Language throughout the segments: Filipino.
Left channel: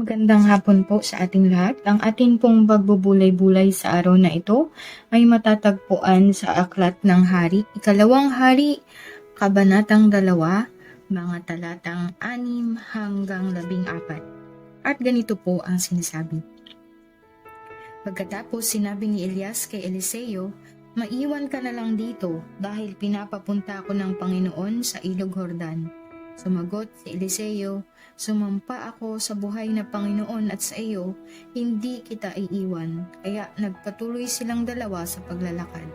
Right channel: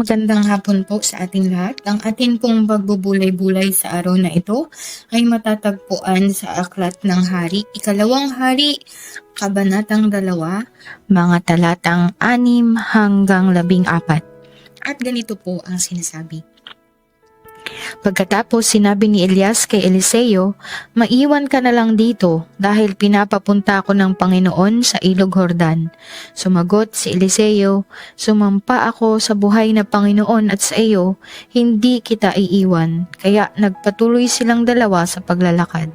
Magandang hapon po sa ating lahat. Ang atin pong pagbubulay-bulay sa araw na ito ay matatagpuan sa Aklat ng Hari, Ikalawang Hari, Kabanatang 2, mga talatang 6 hanggang 14. At ganito po ang sinasabi. Pagkatapos sinabi ni Elias kay Eliseo, "Maiwan ka na lang dito dahil pinapapunta ako ng Panginoon sa Ilog Jordan." Sumagot si Eliseo, "Sumampa ako sa buhay na Panginoon at sa iyo, hindi kita iiwan." Kaya nagpatuloy silang dalawa sa paglalakad.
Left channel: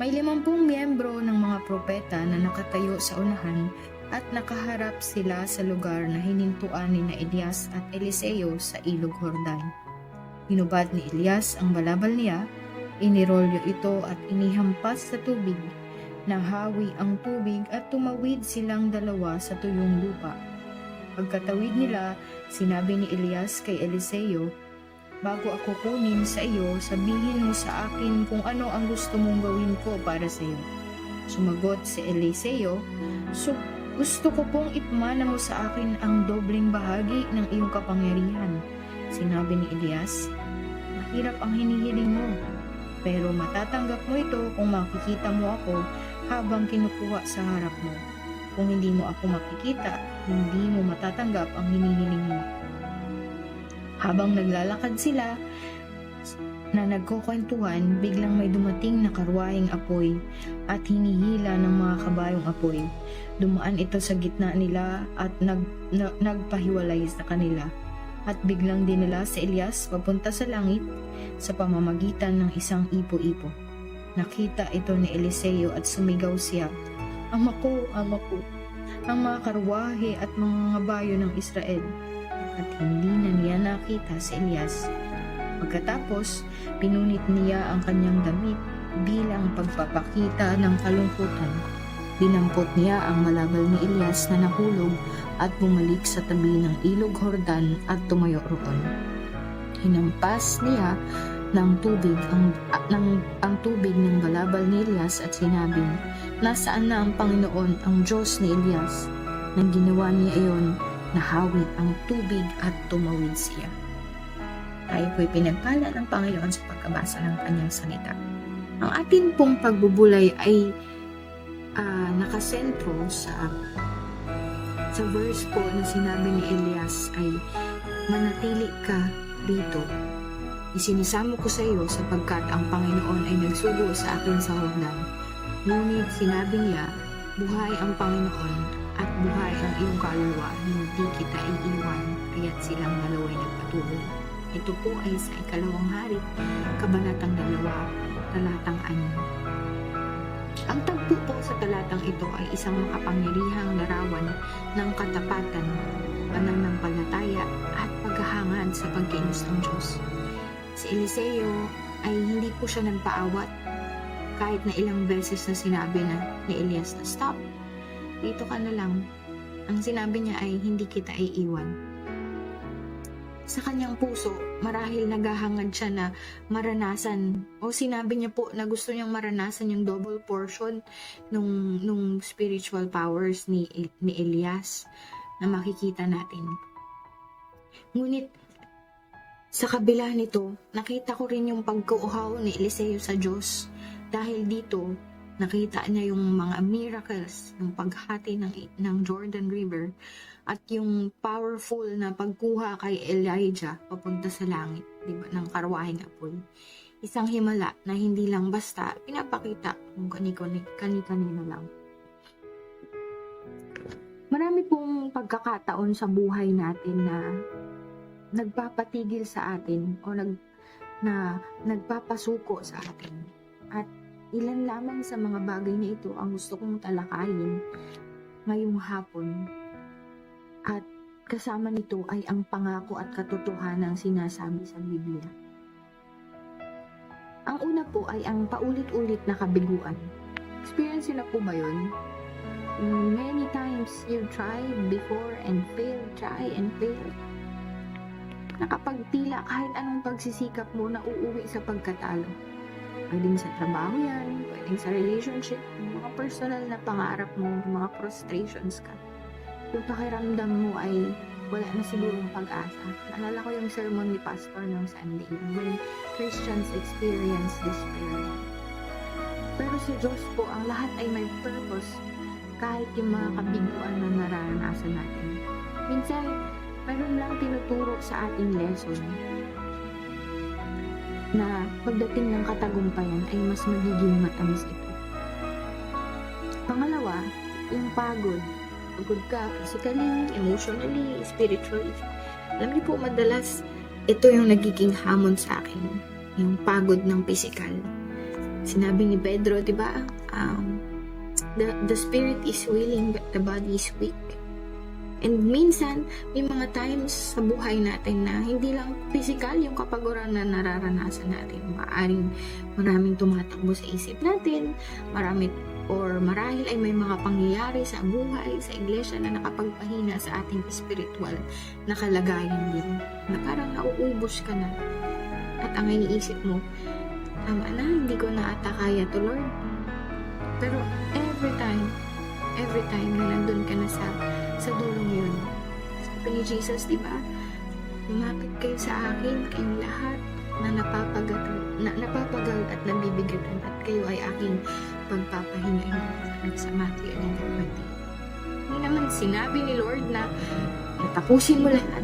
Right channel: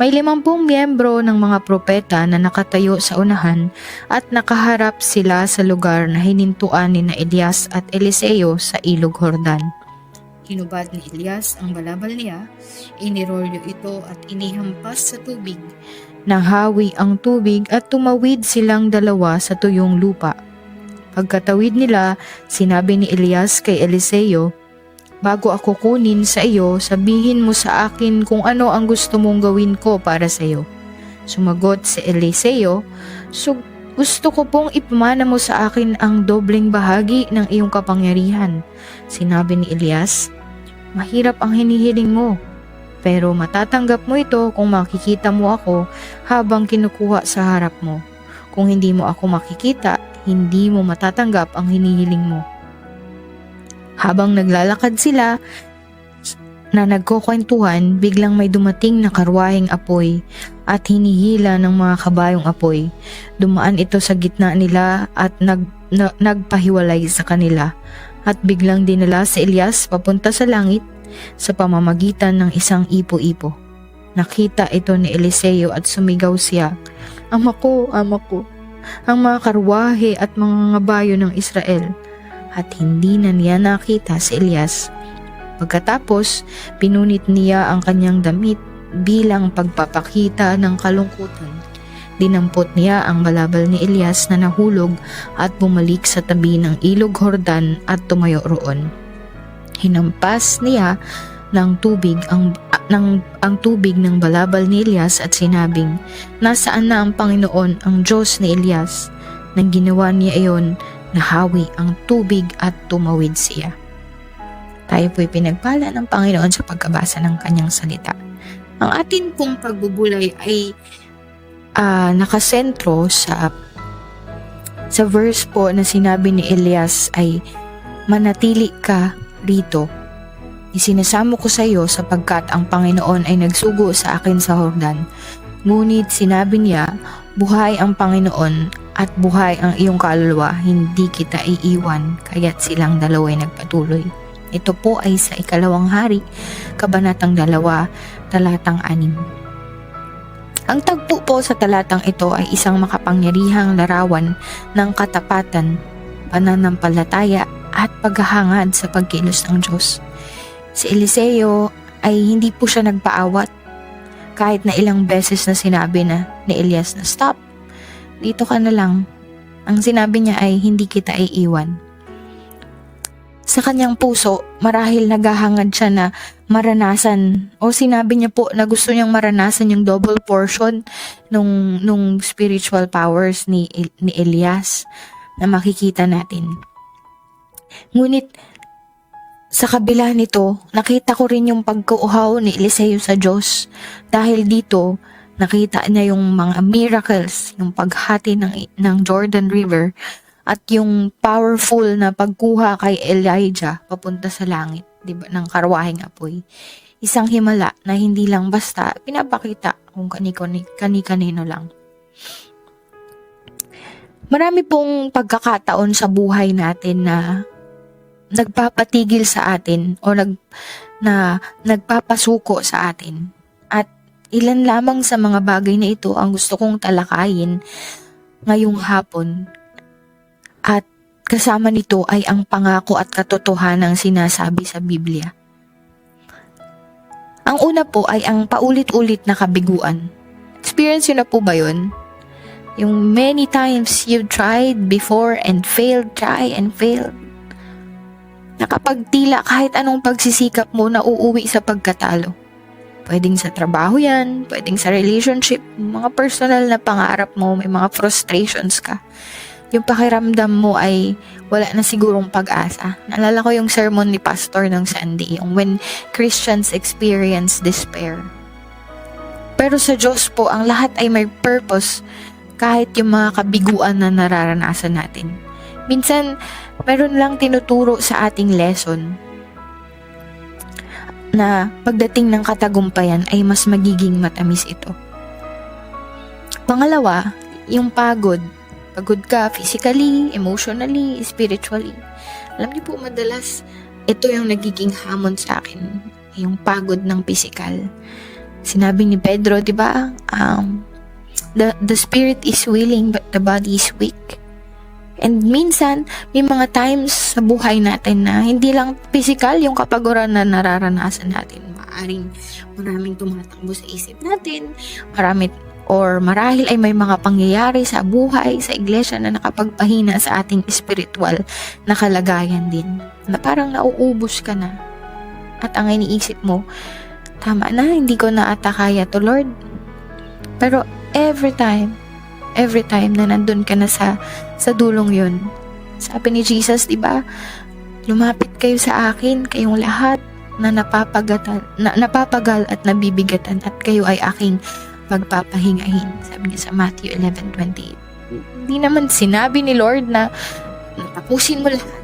May 50 miyembro ng mga propeta na nakatayo sa unahan at nakaharap sila sa lugar na hinintuan ni na Elias at Eliseo sa Ilog Jordan. Hinubad ni Elias ang balabal niya, inirolyo ito at inihampas sa tubig. Nahawi ang tubig at tumawid silang dalawa sa tuyong lupa. Pagkatawid nila, sinabi ni Elias kay Eliseo, "Bago ako kunin sa iyo, sabihin mo sa akin kung ano ang gusto mong gawin ko para sa iyo." Sumagot si Eliseo, "Gusto ko pong ipamana mo sa akin ang dobleng bahagi ng iyong kapangyarihan." Sinabi ni Elias, "Mahirap ang hinihiling mo, pero matatanggap mo ito kung makikita mo ako habang kinukuha sa harap mo. Kung hindi mo ako makikita, hindi mo matatanggap ang hinihiling mo." Habang naglalakad sila na nagkukwentuhan, biglang may dumating na karwaheng apoy at hinihila ng mga kabayong apoy. Dumaan ito sa gitna nila at nagpahiwalay sa kanila. At biglang dinala si Elias papunta sa langit sa pamamagitan ng isang ipo-ipo. Nakita ito ni Eliseo at sumigaw siya, "Ama ko, ama ko, ang mga karwahe at mga ngabayo ng Israel." At hindi na niya nakita si Elias. Pagkatapos, pinunit niya ang kanyang damit bilang pagpapakita ng kalungkutan. Dinampot niya ang balabal ni Elias na nahulog at bumalik sa tabi ng Ilog Jordan at tumayo roon. Hinampas niya ng tubig ang tubig ng balabal ni Elias at sinabing, "Nasaan na ang Panginoon, ang Diyos ni Elias?" Nang ginawa niya iyon, nahawi ang tubig at tumawid siya. Tayo po'y pinagpala ng Panginoon sa pagkabasa ng kanyang salita. Ang atin pong pagbubulay ay nakasentro sa verse po na sinabi ni Elias ay, "Manatili ka rito. Isinasamo ko sa iyo sapagkat ang Panginoon ay nagsugo sa akin sa Jordan." Ngunit sinabi niya, "Buhay ang Panginoon at buhay ang iyong kaluluwa, hindi kita iiwan." Kaya't silang dalawa ay nagpatuloy. Ito po ay sa Ikalawang Hari, Kabanatang 2, talatang 6. Ang tagpo po sa talatang ito ay isang makapangyarihang larawan ng katapatan, pananampalataya at paghahangad sa pagkilos ng Diyos. Si Eliseo ay hindi po siya nagpaawat kahit na ilang beses na sinabi na ni Elias na, "Stop, dito ka na lang." Ang sinabi niya ay, "Hindi kita iiwan." Sa kanyang puso, marahil naghahangad siya na maranasan, o sinabi niya po na gusto niyang maranasan yung double portion nung spiritual powers ni Elias na makikita natin. Ngunit sa kabila nito, nakita ko rin yung pagkuuhaw ni Eliseo sa Diyos. Dahil dito, nakita niya yung mga miracles, yung paghati ng Jordan River, at yung powerful na pagkuha kay Elijah papunta sa langit, diba, ng karwaheng apoy. Isang himala na hindi lang basta pinapakita kung kani-kanino lang. Marami pong pagkakataon sa buhay natin na nagpapatigil sa atin o nagpapasuko sa atin. At ilan lamang sa mga bagay na ito ang gusto kong talakayin ngayong hapon. At kasama nito ay ang pangako at katotohanan ng sinasabi sa Biblia. Ang una po ay ang paulit-ulit na kabiguan. Experience yun na po ba yun? Yung many times you've tried before and failed, try and failed. Nakapagtila kahit anong pagsisikap mo na uuwi sa pagkatalo. Pwedeng sa trabaho yan, pwedeng sa relationship, mga personal na pangarap mo, may mga frustrations ka. Yung pakiramdam mo ay wala na sigurong pag-asa. Naalala ko yung sermon ni Pastor ng Sunday, yung when Christians experience despair. Pero sa Diyos po, ang lahat ay may purpose kahit yung mga kabiguan na nararanasan natin. Minsan, meron lang tinuturo sa ating lesson na pagdating ng katagumpayan ay mas magiging matamis ito. Pangalawa, yung pagod. Pagod ka physically, emotionally, spiritually. Alam niyo po, madalas ito yung nagiging hamon sa akin, yung pagod ng physical. Sinabi ni Pedro, di ba? The spirit is willing but the body is weak. And minsan, may mga times sa buhay natin na hindi lang physical yung kapaguran na nararanasan natin. Maraming tumatakbo sa isip natin, marahil ay may mga pangyayari sa buhay, sa iglesia na nakapagpahina sa ating spiritual na kalagayan din. Na parang nauubos ka na. At ang iniisip mo, tama na, hindi ko na ata kaya to, Lord. Pero every time na nandun ka na sa dulong yun, sabi ni Jesus, di ba? Lumapit kayo sa akin, kayong lahat na napapagal at nabibigatan, at kayo ay aking pagpapahingahin. Sabi niya sa Matthew 11:28. Hindi naman sinabi ni Lord na tapusin mo lahat.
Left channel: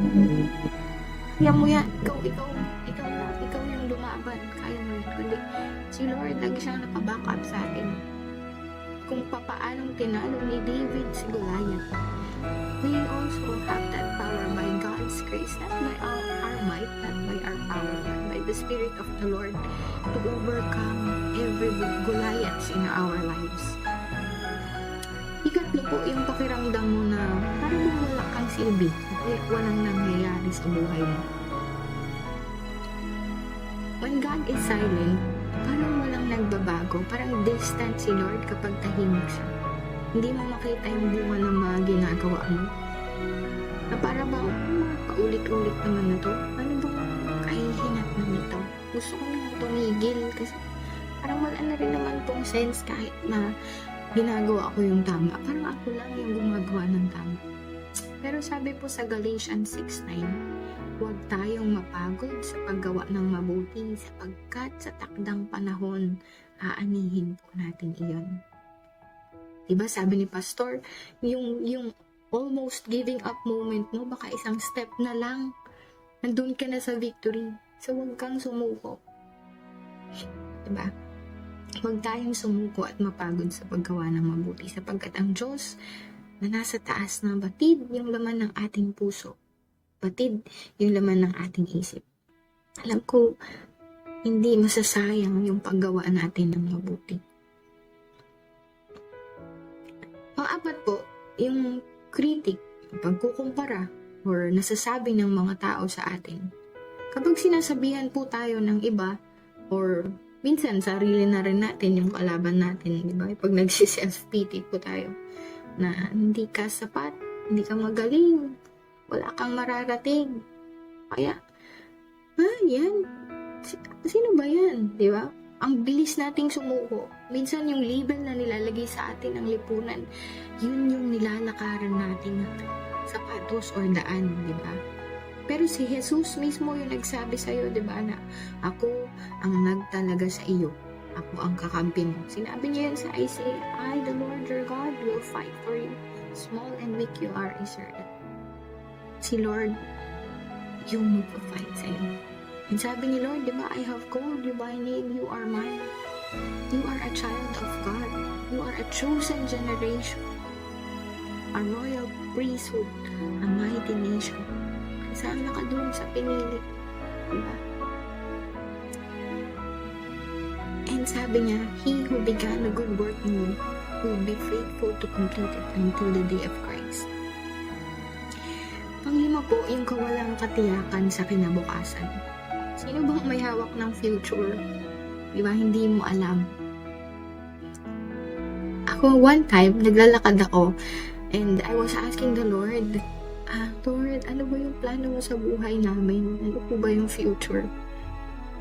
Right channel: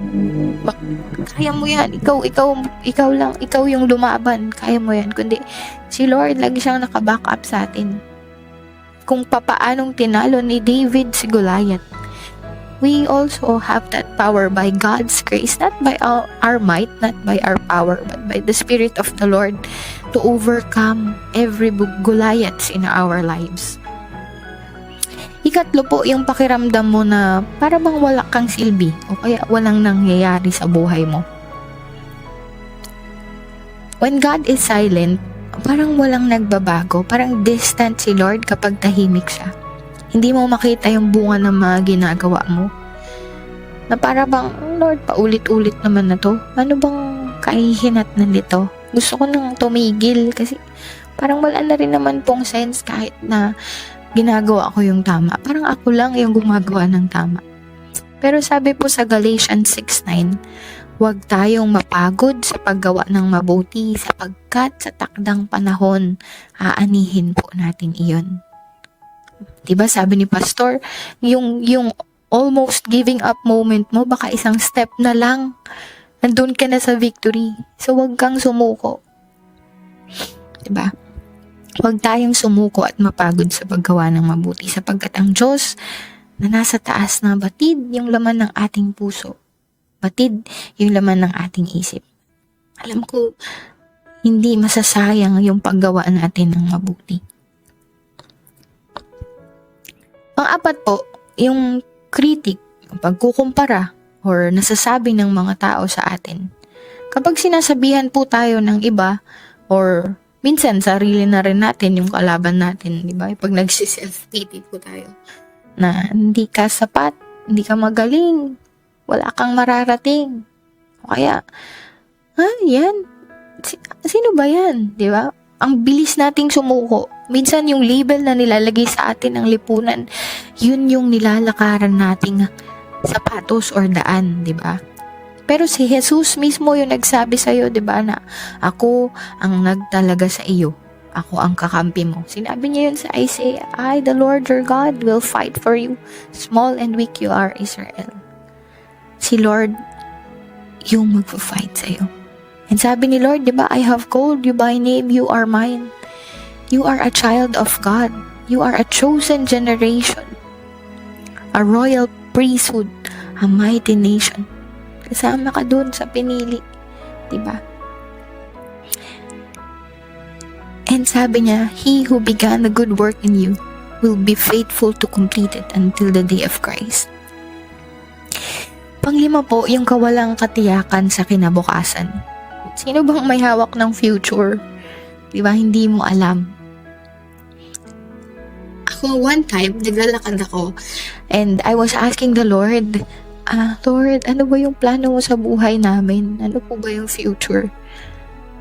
Kaya mo yan. Ikaw lang. Ikaw yung lumaban. Kaya mo yan. Kundi si Lord lagi siyang nakaback up sa atin. Kung papaanong tinalo ni David si Goliath, we also have that power by God's grace, not by our might, not by our power, but by the Spirit of the Lord to overcome every Goliaths in our lives. Ikatlo po, yung pakiramdam mo na para bang wala kang silbi o kaya walang nangyayari sa buhay mo. When God is silent, parang walang nagbabago, parang distant si Lord kapag tahimik siya. Hindi mo makita yung bunga ng mga ginagawa mo. Na para bang, Lord, paulit-ulit naman na to. Ano bang kahihinatnan nito? Gusto ko nang tumigil kasi parang wala na rin naman pong sense kahit na ginagawa ko yung tama. Parang ako lang yung gumagawa ng tama. Pero sabi po sa Galatians 6:9, huwag tayong mapagod sa paggawa ng mabuti sapagkat sa takdang panahon, aanihin po natin iyon. Diba sabi ni Pastor, yung almost giving up moment mo, baka isang step na lang, nandun ka na sa victory. So huwag kang sumuko. Diba? Huwag tayong sumuko at mapagod sa paggawa ng mabuti sapagkat ang Diyos na nasa taas na batid yung laman ng ating puso. Batid yung laman ng ating isip. Alam ko, hindi masasayang yung paggawa natin ng mabuti. Pang-apat po, yung critic, pagkukumpara or nasasabi ng mga tao sa atin. Kapag sinasabihan po tayo ng iba or minsan sarili na rin natin yung kalaban natin, di ba? Pag nagsi-self-pity po tayo na hindi ka sapat, hindi ka magaling, wala kang mararating. O kaya, yan? Sino ba yan? Di ba? Ang bilis nating sumuko. Minsan yung label na nilalagay sa atin ng lipunan, yun yung nilalakaran nating sapatos or daan, di ba? Pero si Jesus mismo yung nagsabi sa'yo, di ba, na ako ang nagtalaga sa iyo. Ako ang kakampi mo. Sinabi niya yun sa Isaiah, I, the Lord your God, will fight for you. Small and weak you are, Israel. Si Lord yung magpa-fight sa'yo. And sabi ni Lord, di ba, I have called you by name, you are mine. You are a child of God. You are a chosen generation. A royal priesthood. A mighty nation. Kasama ka dun sa pinili. Diba? And sabi niya, He who began the good work in you will be faithful to complete it until the day of Christ. Panglima po, yung kawalang katiyakan sa kinabukasan. Sino bang may hawak ng future? Diba? Hindi mo alam. Ako, one time, naglalakad ako and I was asking the Lord, Lord, ano ba yung plano mo sa buhay namin? Ano po ba yung future?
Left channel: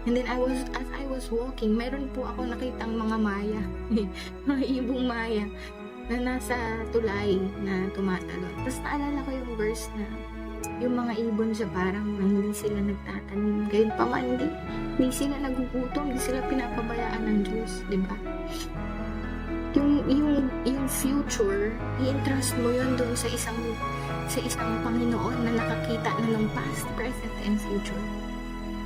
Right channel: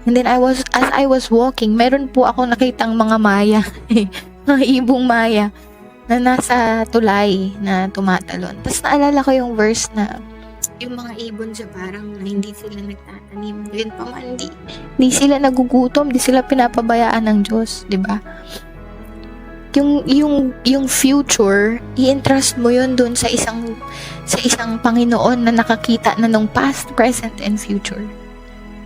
And then as I was walking, meron po ako nakitang mga maya, mga ibong maya, na nasa tulay na tumatalon. Tapos naalala ko yung verse na, Yung mga ibon sa parang na hindi sila nagtatanim, gayon pa man, di sila nagugutom, di sila pinapabayaan ng Diyos, di ba? Yung future, i-entrust mo yun dun sa isang Panginoon na nakakita na nung past, present, and future.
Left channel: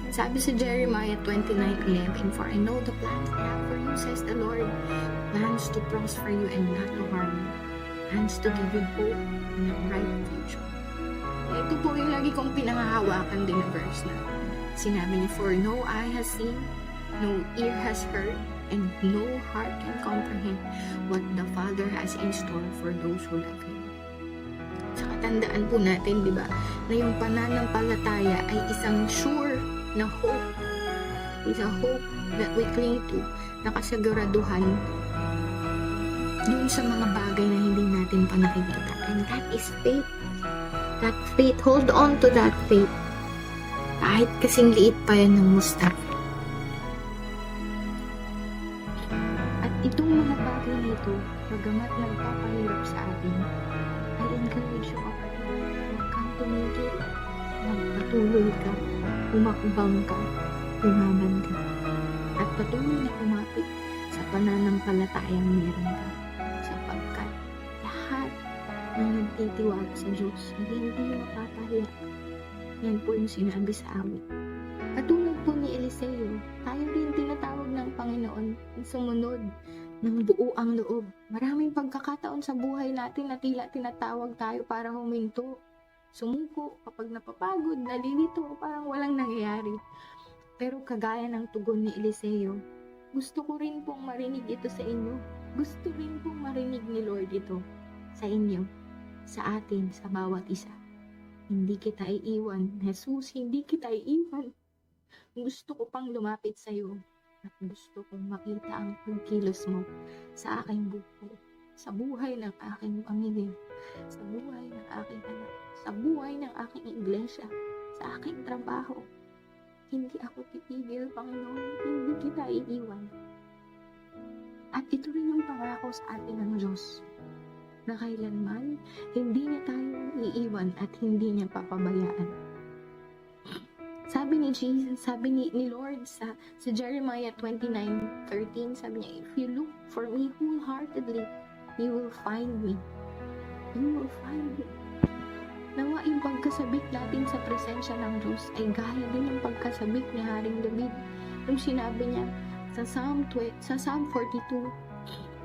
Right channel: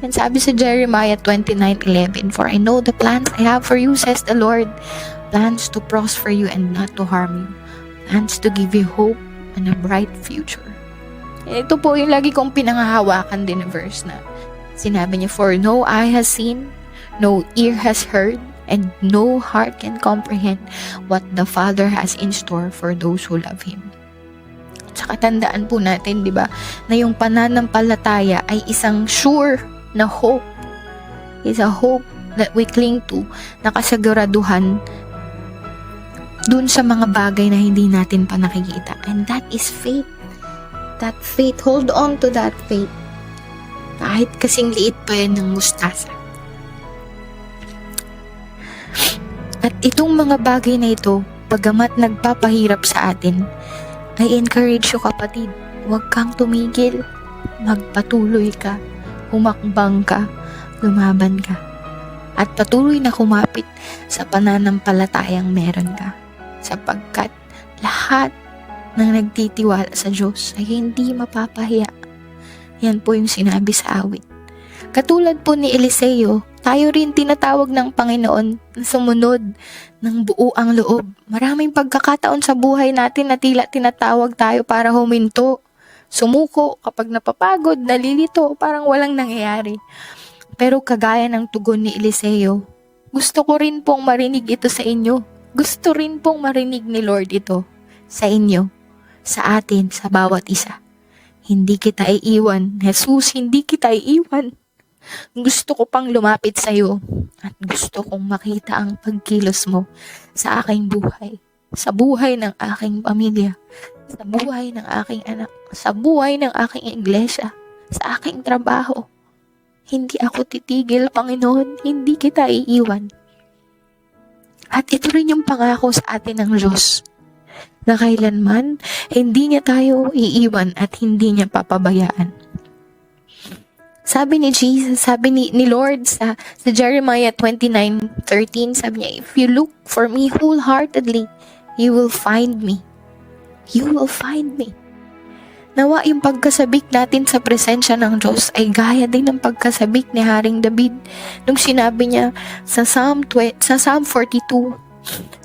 And sabi sa Jeremiah 29:11, "For I know the plans I have for you, says the Lord, plans to prosper you and not to harm you, plans to give you hope and a bright future." Ito po yung lagi kong pinangahawakan din na verse na sinabi niya, "For no eye has seen, no ear has heard, and no heart can comprehend what the Father has in store for those who love Him." Tsaka tandaan po natin, di ba, na yung pananampalataya ay isang sure na hope. It's a hope that we cling to, nakasaguraduhan dun sa mga bagay na hindi natin pa nakikita. And that is faith. That faith, hold on to that faith. Kahit kasing liit pa yan ng mustasa. At itong mga bagay na ito, bagamat nagpapahirap sa atin, I encourage you kapatid, huwag kang tumigil, magpatuloy ka, humakbang ka, lumaban ka, at patuloy na kumapit sa pananampalatayang meron ka, sapagkat lahat ng nagtitiwala sa Diyos ay hindi mapapahiya. Yan po yung sinabi sa awit. Katulad po ni Eliseo, tayo rin tinatawag ng Panginoon na sumunod ng buo ang loob. Maraming pagkakataon sa buhay natin na tila tinatawag tayo para huminto, sumuko kapag napapagod, nalilito, parang walang nangyayari. Pero kagaya ng tugon ni Eliseo, gusto ko rin pong marinig ito sa inyo. Gusto rin pong marinig ni Lord ito sa inyo, sa atin, sa bawat isa. Hindi kita iiwan. Jesus, hindi kita iiwan. Gusto ko pang lumapit sa iyo at gusto kong makita ang pagkilos mo sa aking buhay, sa buhay ng aking pamilya, sa buhay ng aking anak, sa buhay ng aking iglesia, sa aking trabaho. Hindi ako titigil, Panginoon. Hindi kita iiwan. At ito rin yung pangako sa atin ng Diyos, na kailanman hindi niya tayo iiwan at hindi niya papabayaan. Sabi ni Jesus, sabi ni Lord sa Jeremiah 29:13, sabi niya, "If you look for me wholeheartedly, you will find me." You will find me. Nawa yung pagkasabik natin sa presensya ng Diyos ay gaya din ng pagkasabik ni Haring David nung sinabi niya sa Psalm 42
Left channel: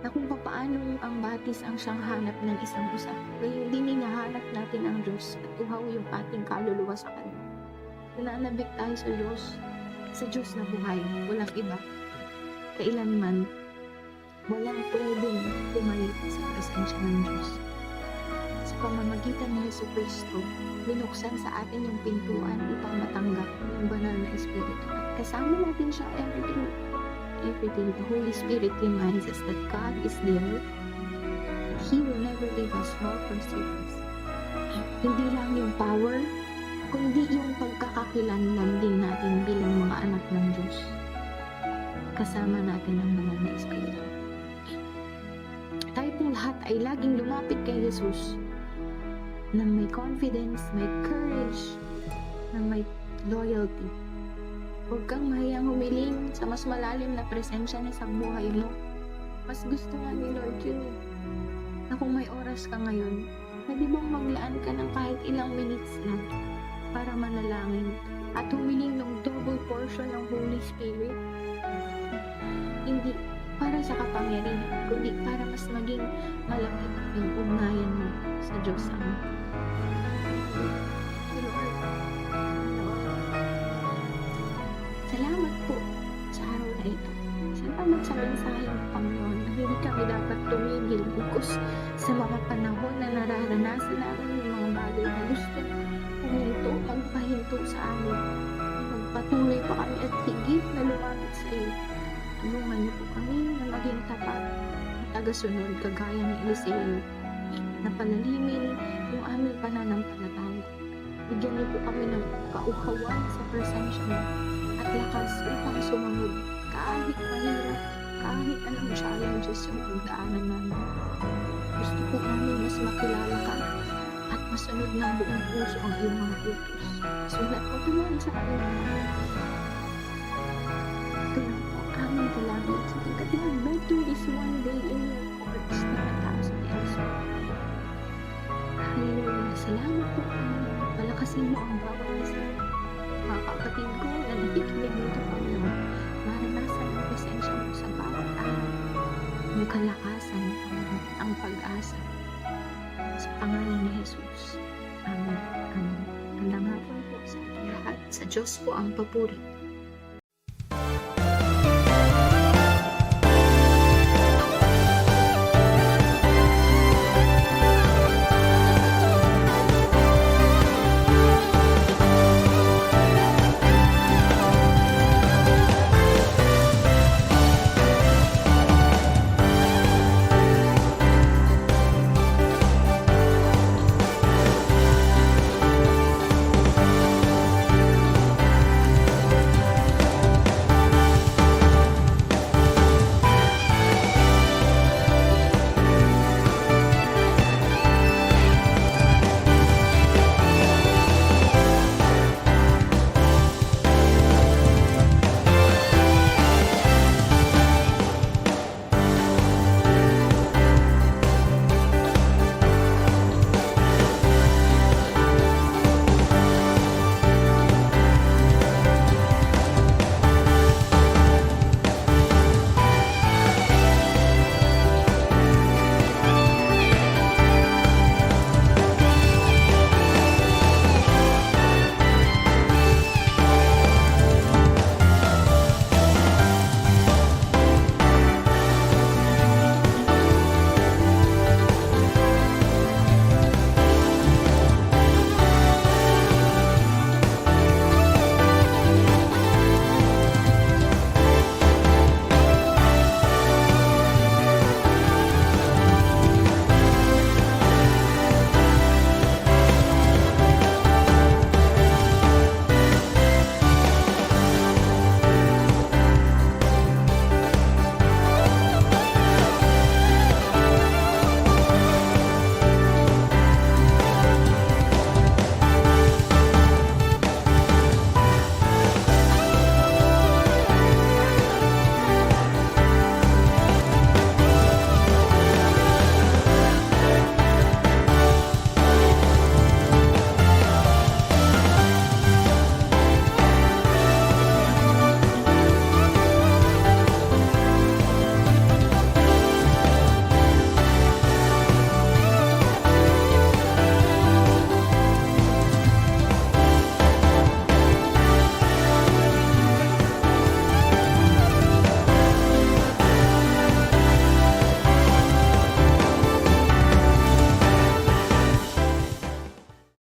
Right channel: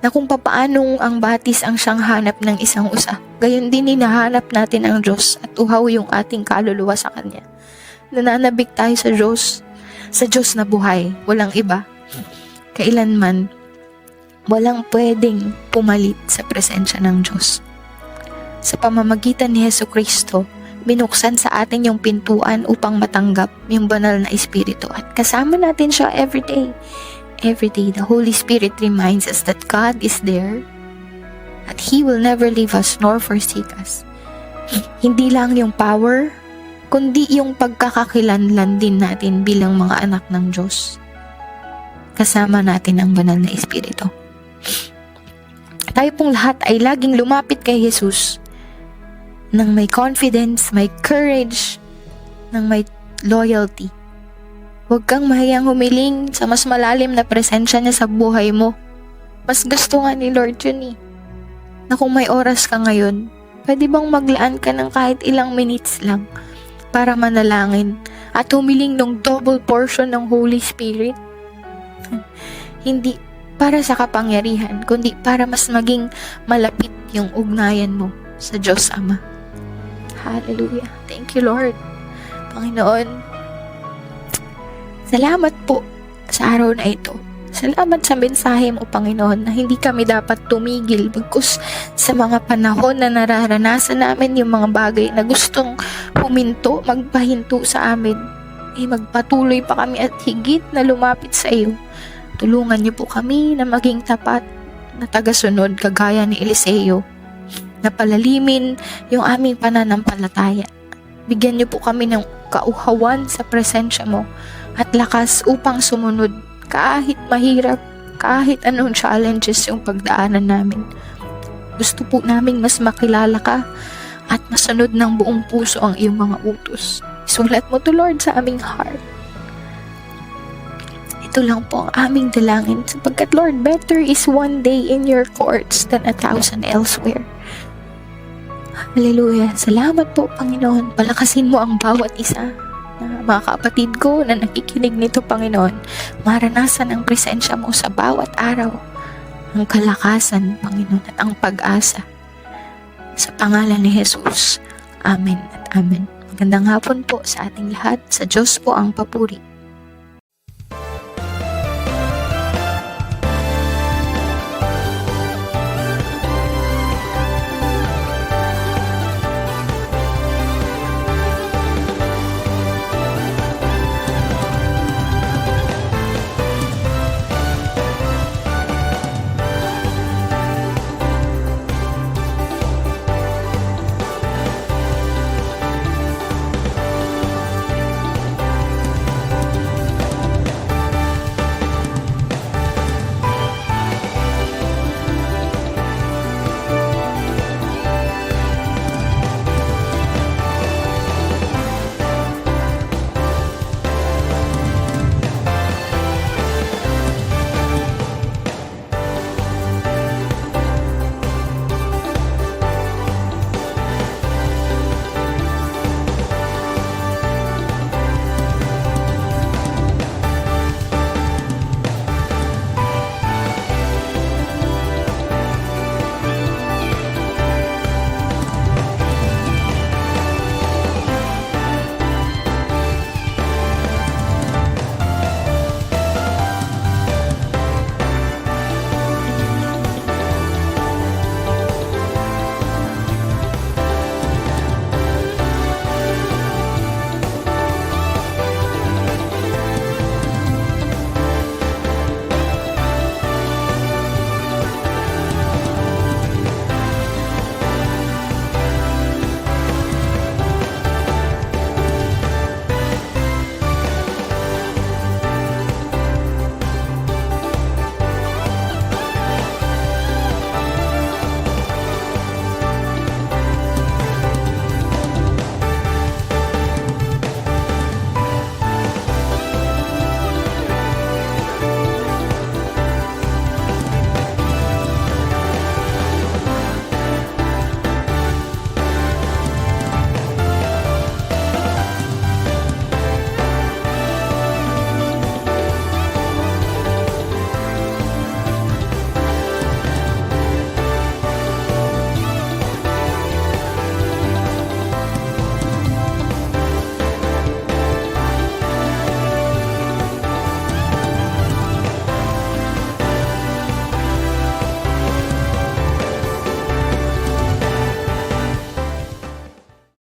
na kung papaanong ang batis ang siyang hanap ng isang usa, gayon din hinahanap natin ang Diyos at uhaw yung ating kaluluwa sa Kanya. Nananabik tayo sa Diyos na buhay, walang iba. Kailanman, walang pwedeng pumalit sa presensya ng Diyos. Sa pamamagitan ni Jesucristo, binuksan sa atin yung pintuan upang matanggap yung banal na Espiritu at kasama natin siya every day. Every day, the Holy Spirit reminds us that God is there, that He will never leave us nor forsake us. Hindi lang yung power, kundi yung pagkakakilanlan din natin bilang mga anak ng Diyos. Kasama natin ang banal na Espiritu. Tayo pong lahat ay laging lumapit kay Jesus nang may confidence, may courage, nang may loyalty. Huwag kang mahiyang humiling sa mas malalim na presensya niya sa buhay mo. Mas gusto nga ni Lord yun na kung may oras ka ngayon, pwede bang maglaan ka ng kahit ilang minutes lang para manalangin at humiling ng double portion ng Holy Spirit? Hindi para sa kapangyarihan, kundi para mas maging malapit yung ugnayan mo sa Diyos Ama. Hallelujah. Thank you, Lord. Panginoon, salamat po sa araw na ito. Salamat sa mensahe mo, Panginoon, na hindi kami dapat tumigil bagkus sa mga panahon na nararanasan namin yung mga bagay na gustong huminto, magpahinto sa amin. Magpatuloy pa kami at higit na lumapit sa iyo. Tulungan niyo po kami na maging tapat na tagasunod kagaya ni Eliseo, na palalimin yung aming pananampalataya. Bigyan niyo po kami ng kauhawan sa presensya mo at lakas upang sumunod kahit mahirap, kahit anong challenges yung pagdaanan namin. Gusto po namin mas makilala ka at masunod ng buong puso ang iyong mga utos. Isulat mo to, Lord, sa aming heart. Ito lang po ang aming dalangin sapagkat, Lord, better is one day in your courts than 1,000 elsewhere. Hallelujah. Salamat po, Panginoon. Palakasin mo ang bawat isa na mga kapatid ko na nakikinig nito, Panginoon. Maranasan ang presensya mo sa bawat araw. Ang kalakasan, Panginoon, at ang pag-asa. Sa pangalan ni Jesus. Amen at amen. Magandang hapon po sa ating lahat. Sa Diyos po ang papuri.